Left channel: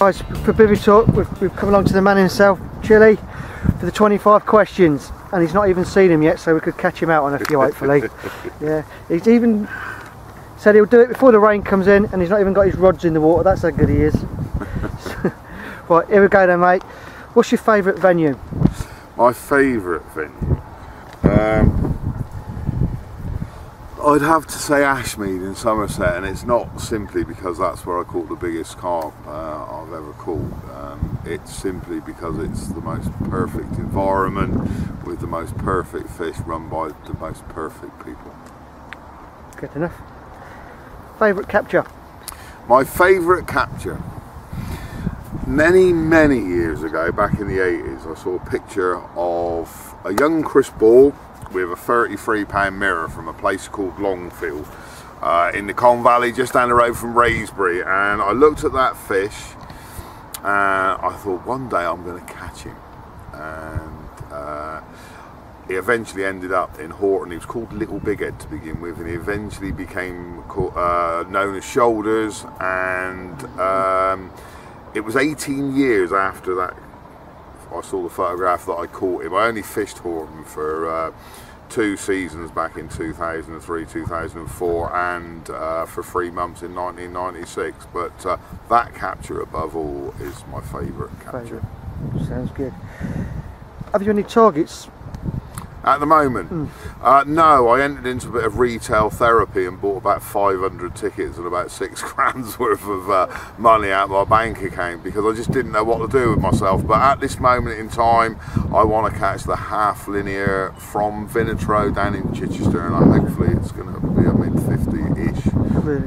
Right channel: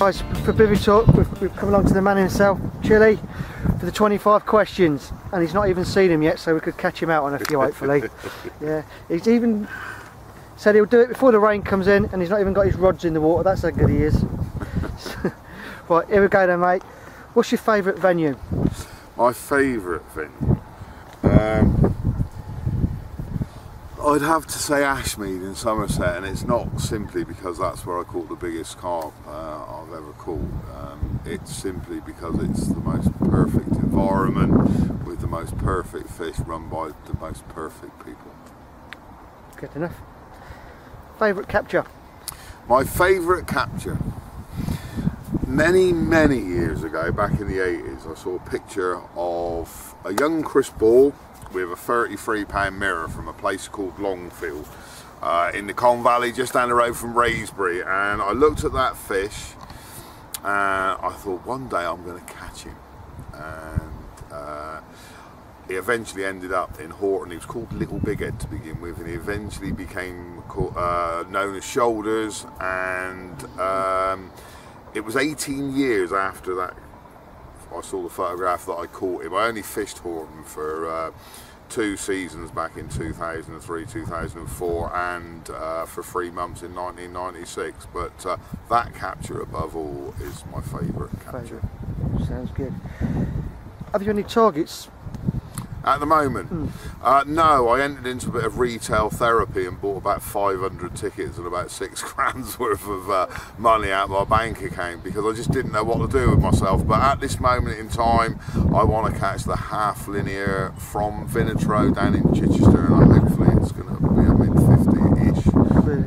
Guys, for Bivvytalk, we've come along to the man himself, Chili, for the 25 questions, and he's not even seen him yet, so we could catch him out on a few, hopefully. Yeah, he's even said he'll do it before the rain comes in, and he's not even got his rods in the water. That's how good he is. Right, here we go then, mate. What's your favourite venue? My favourite venue? I'd have to say Ashmead in Somerset, and it's not simply because that's where I caught the biggest carp I've ever caught. It's simply because it's the most perfect environment with the most perfect fish run by the most perfect people. Good enough. Favourite capture? My favourite capture? Many years ago, back in the 80s, I saw a picture of a young Chris Ball with a 33-pound mirror from a place called Longfield in the Colne Valley, just down the road from Raysbury, and I looked at that fish and I thought, one day I'm going to catch him. And he eventually ended up in Horton. He was called Little Big Head to begin with, and he eventually became known as Shoulders, and it was 18 years after that I saw the photograph that I caught him. I only fished Horton for 2 seasons back in 2003, 2004, and for 3 months in 1996. But that capture above all is my favourite capture. Sounds good. Have you any targets? At the moment? No, I entered into a bit of retail therapy and bought about 500 tickets and about 6 grand's worth of money out of my bank account because I just didn't know what to do with myself. But at this moment in time, I want to catch the half linear from Vinatro down in Chichester, and hopefully it's going to be a mid-50-ish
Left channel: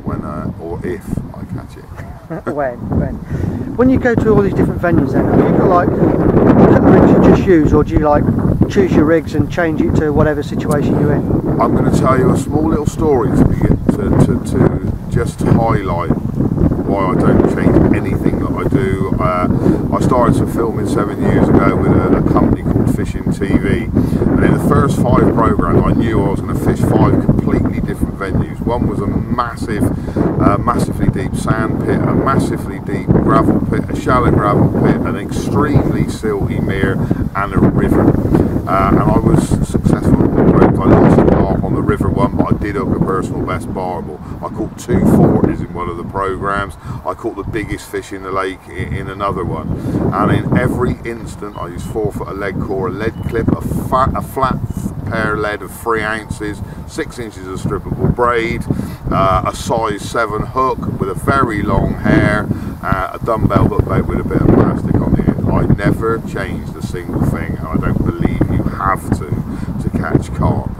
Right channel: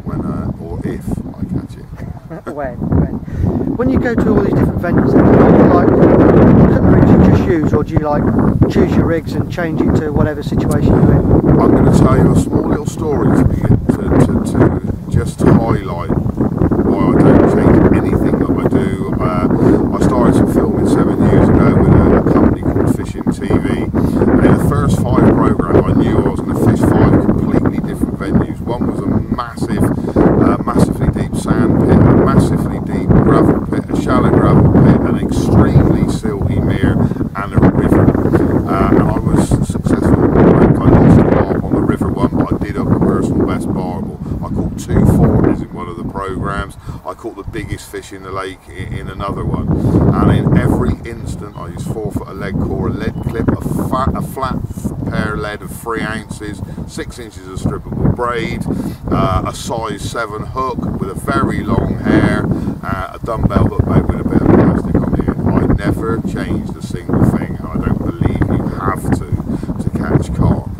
when, or if I catch it. When you go to all these different venues then, have you got like a couple of rigs you just use, or do you like choose your rigs and change it to whatever situation you're in? I'm going to tell you a small little story to just highlight why I don't change anything that I do. I started some filming 7 years ago with a company called Fishing TV, and in the first 5 programs I knew I was going to fish 5 completely different venues. One was a massively deep sand pit, a massively deep gravel pit, a shallow gravel pit, an extremely silty mere, and a river. And I was successful in all the programs. I lost a carp on the river one, but I did hook a personal best barbel. I caught 2 40s in one of the programs. I caught the biggest fish in the lake in another one. And in every instant, I used 4 foot of lead core, a lead clip, a flat pair lead of 3 ounces, 6 inches of strippable braid, a size 7 hook with a very long hair, a dumbbell hook bait with a bit of plastic on the end. I never changed a single thing, and I don't believe you have to catch carp,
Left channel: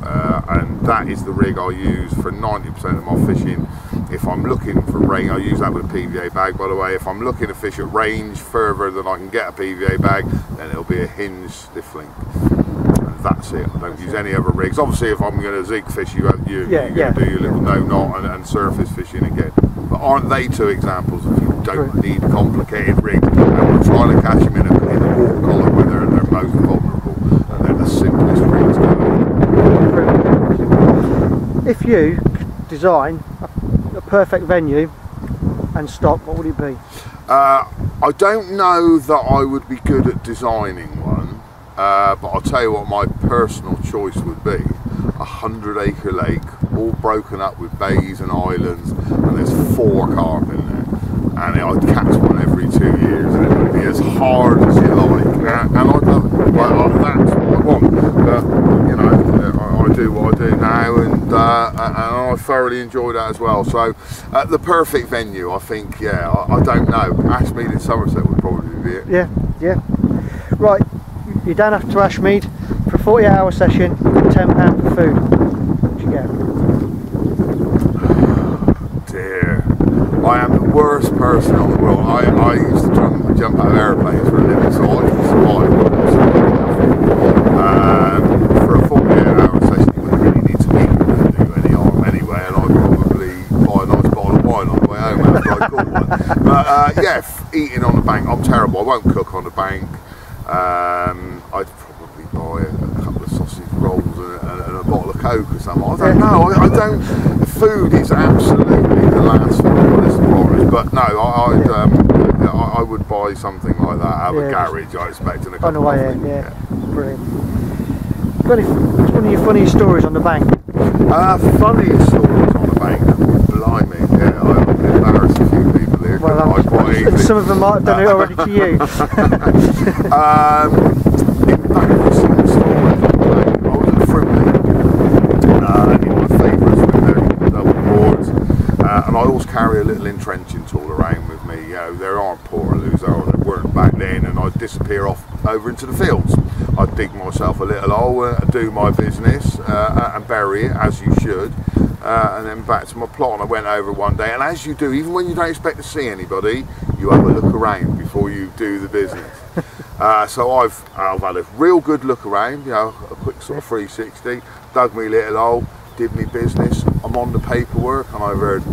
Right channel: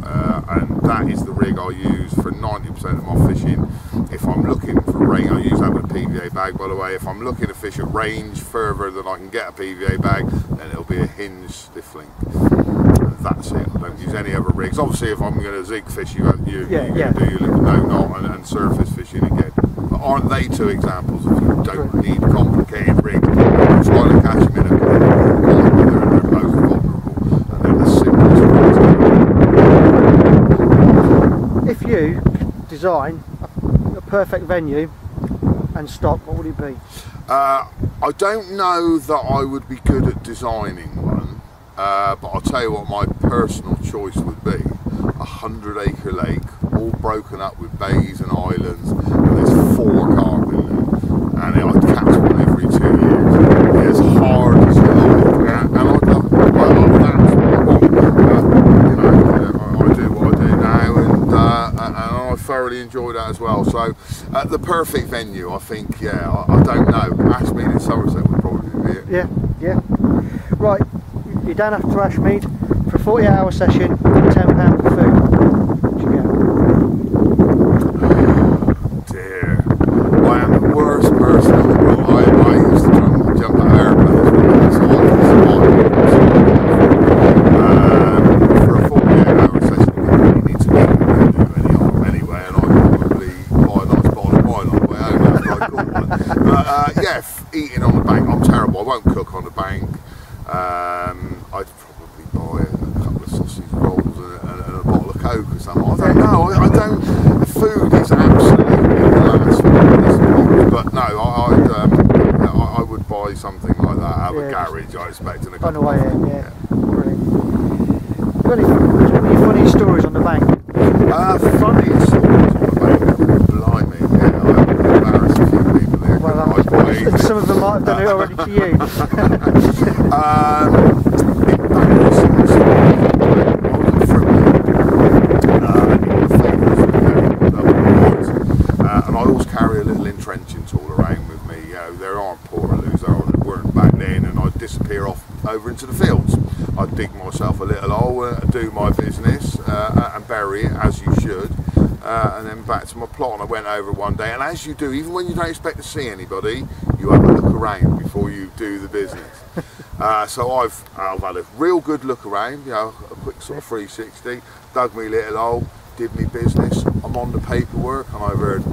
and that is the rig I use for 90% of my fishing. If I'm looking for range, I use that with a PVA bag, by the way. If I'm looking to fish at range further than I can get a PVA bag, then it'll be a hinge stiff link, and that's it. I don't use any other rigs. Obviously if I'm going to zig fish, you do your little no knot and surface fishing again. But aren't they 2 examples of you don't need complicated rigs, and we're trying to catch them in the water column where they're most vulnerable, and they're the simplest rigs going. If you could design a perfect venue and stock, what would it be? I don't know that I would be good at designing one, but I'll tell you what my personal choice would be. 100-acre lake, all broken up with bays and islands, and there's 4 carp in there, and I'd catch one every 2 years, and it would be as hard as you like, and I'd love it. That's what I want. But you know, I do what I do now, and I thoroughly enjoy that as well. So the perfect venue, I think, I don't know. Ashmead in Somerset would probably be it. Yeah. Right, you're down after Ashmead for a 48-hour session. You get £10 for food. What do you get? Dear, I am the worst person on the world. I used to jump out of airplanes for a living, so I can survive absolutely. For a 48-hour session, you wouldn't really need to eat. You wouldn't do any harm anyway, and I'd probably buy a nice bottle of wine on the way home after I caught one. But eating on the bank, I'm terrible. I won't cook on the bank. I'd probably buy a couple of sausage rolls and a bottle of Coke or something. I don't know. I don't. The food is absolutely the last thing on my list of priorities. But no, I would buy something like that out of a garage, I expect, in a on the way out. Yeah, brilliant. Got any, what's one of your funny stories on the bank? Funniest stories on the bank? Oh, blimey, yeah, I've embarrassed a few people here, well, quite easily. And some of them might have done it already to you. Embarrassing stories on the bank. I was at Frimley, in my favourites were there, double boards, and I always carry a little entrenching tool around with me. You know, there aren't portaloos, or there weren't back then, and I'd disappear off over into the fields. I'd dig myself a little hole, do my business, and bury it, as you should, and then back to my plot. And I went over one day, and as you do, even when you don't expect to see anybody, you have a look around before you do the business. So I've had a real good look around, you know, a quick sort of 360, dug me little hole, did me business. I'm on the paperwork, and I've heard,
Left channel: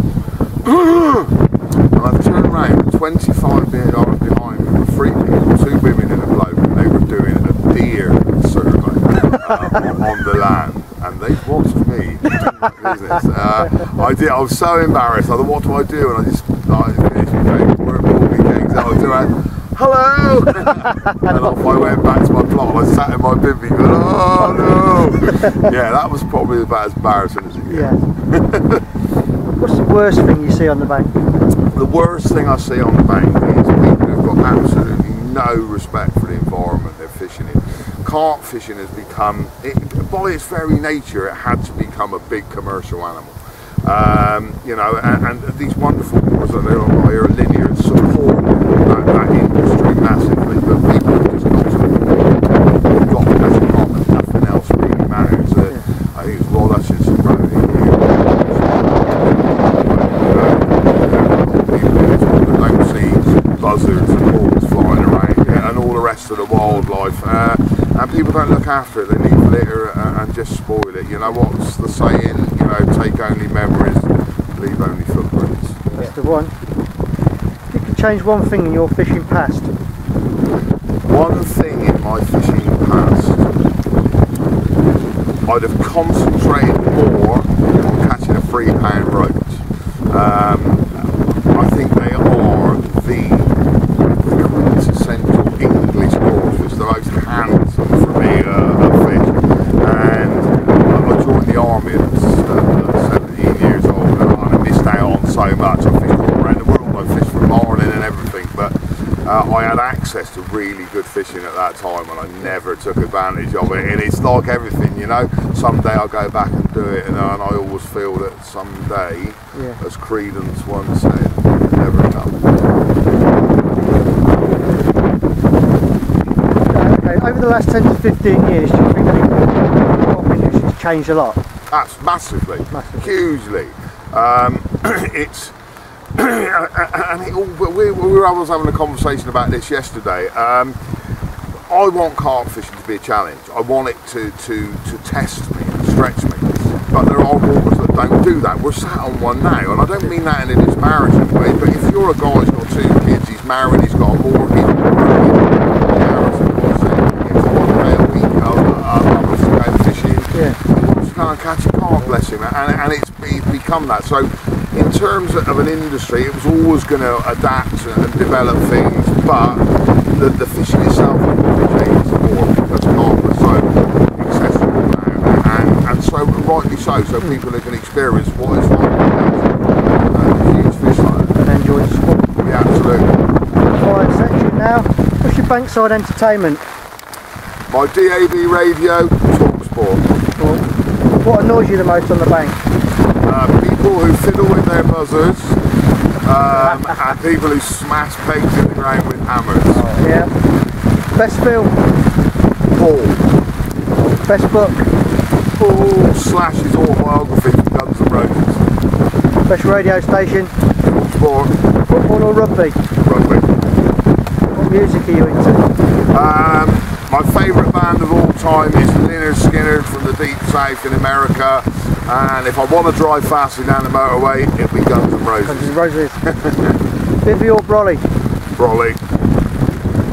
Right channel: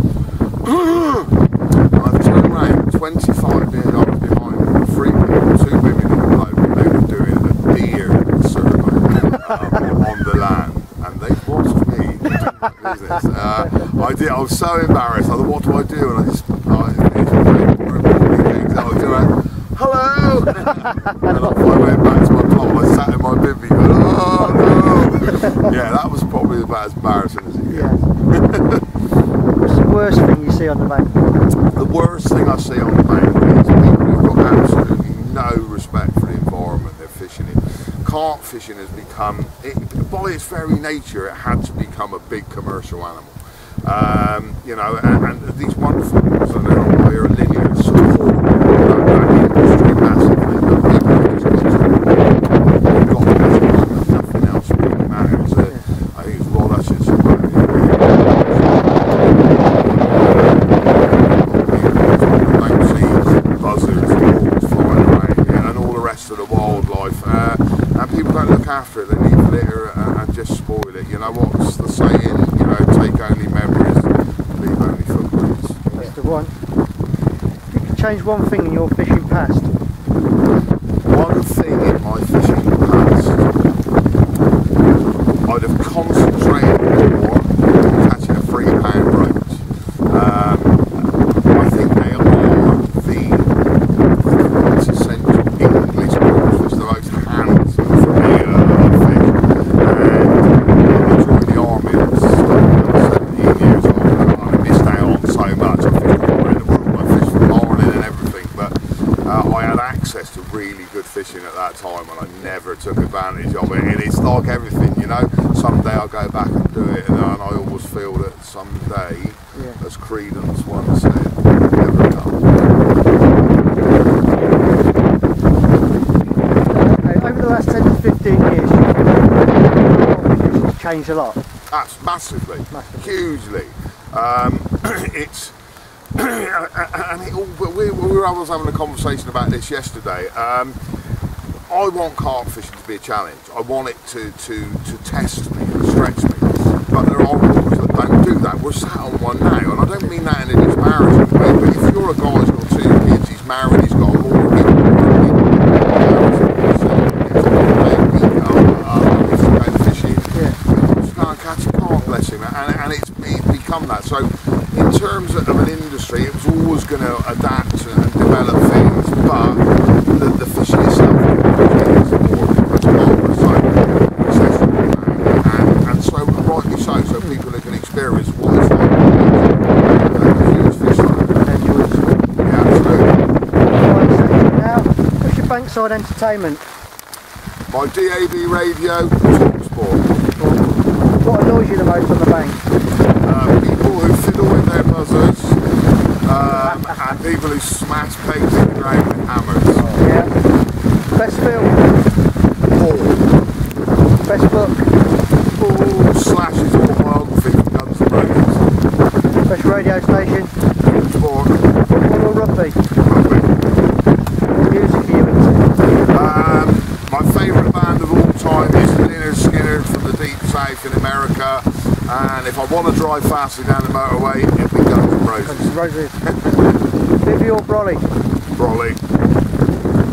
and I've turned around, and 25 yards behind me were 3 people, 2 women and a bloke, and they were doing a deer survey on the land, and they watched me do my business. I was so embarrassed. I thought, what do I do? And I just finished my paperwork, pulled my kegs out, I around, hello! And off I went back to my plot, and I sat in my bivvy going, oh no! Yeah, that was probably about as embarrassing as it gets. Yeah. What's the worst thing you see on the bank? The worst thing I see on the bank is people who've got absolutely no respect for the environment they're fishing in. Carp fishing has become, by its very nature, it had to become a big commercial animal. You know, and these wonderful boards that they're on here at Linear support that industry massively, but people have just got to the point, they've got to catch a carp and nothing else really matters. I think it's Rod Hutchinson wrote it here. Don't see buzzards and hawks flying around and all the rest of the wildlife, and people don't look after it. They leave litter and just spoil it. You know what's the saying? You know, take only memories, leave only footprints. That's the one. If you could change one thing in your fishing past. One thing in my fishing past, I'd have concentrated more on catching a £3 roach. I think they are the quintessential English cod fish, the most handsome for me of fish. And I joined the army at 17 years old, and I missed out on so much. I fished all around the world, I fished from Marlin and everything, but I had access to really good fishing at that time, and I never took advantage of it. And it's like everything, you know, someday I'll go back and do it, and I always feel that someday, as Credence once said, never comes. Okay, over the last 10 to 15 years, do you think the carp industry's changed a lot? That's massively. Hugely. It's and we were having a conversation about this yesterday. I want carp fishing to be a challenge. I want it to test me and stretch me. But there are waters that don't do that. We're sat on one now, and I don't mean that in a disparaging way, but if you're a guy who's got 2 kids, he's married, he's got a mortgage, he's working, he gets 1 day a week, wants to go fishing, he wants to go and catch a carp, bless him, and it's become that. So in terms of an industry, it was always going to adapt and develop things, but the fishing itself has probably changed more because carp are so accessible now, and so rightly so people can experience what it's like to catch a huge fish like that. And enjoy the sport. Yeah, absolutely. Quiet section now. What's your bankside entertainment? My DAB radio, Talk Sport. What annoys you the most on the bank? People who fiddle with their buzzers, and people who smash pegs in the ground with hammers. Yeah. Best film? Ball. Best book? Oh, Slash's autobiography from Guns N' Roses. Best radio station? Talk Sport. Football or rugby? Rugby. What music are you into? My favourite band of all time is Lynyrd Skynyrd from the Deep South in America, and if I want to drive faster down the motorway, it'll be Guns N' Roses. Guns N' Roses. Bivvy or brolly? Brolly.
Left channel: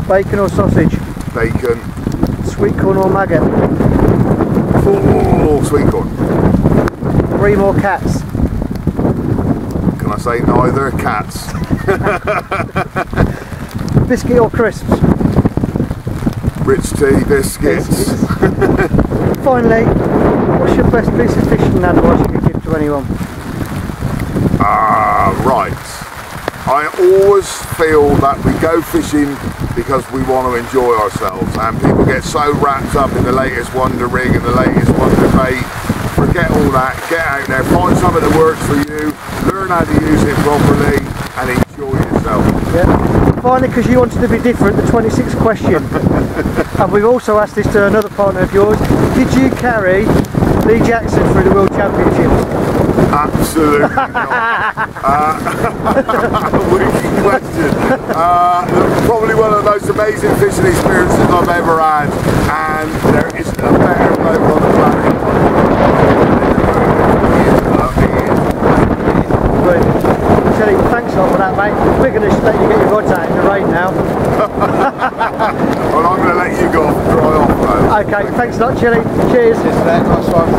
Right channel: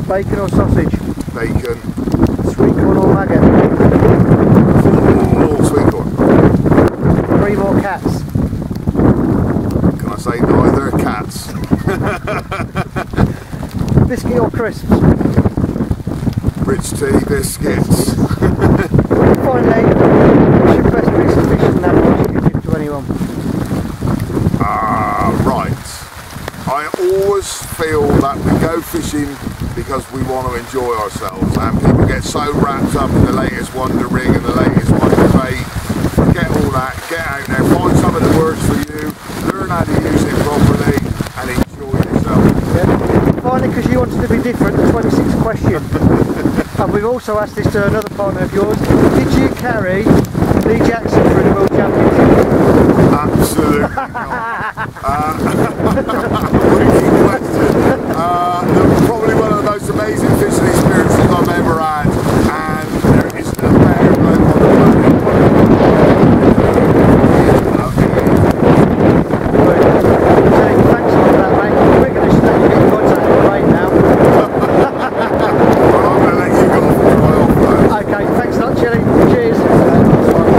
Bacon or sausage? Bacon. Sweet corn or maggot? Oh, sweet corn. Bream or cats? Can I say neither? Cats. Biscuit or crisps? Rich tea, biscuits. Finally, what's your best piece of fishing advice you could give to anyone? Right. I always feel that we go fishing because we want to enjoy ourselves, and people get so wrapped up in the latest wonder rig and the latest wonder bait. Forget all that, get out there, find something that works for you, learn how to use it properly and enjoy yourself. Yeah. Finally, because you wanted to be different, the 26th question. And we've also asked this to another partner of yours. Did you carry Lee Jackson through the World Championships? Absolutely not. Wicked question. Look, probably one of the most amazing fishing experiences I've ever had, and there isn't a better bloke on the planet I was wanting to do it with. He is. Brilliant. Chilly, thanks a lot for that, mate. We're going to let you get your rods out in the rain now. Well, I'm going to let you go off and dry off, bro. Okay, thanks a lot, Chilly. Cheers. Nice one.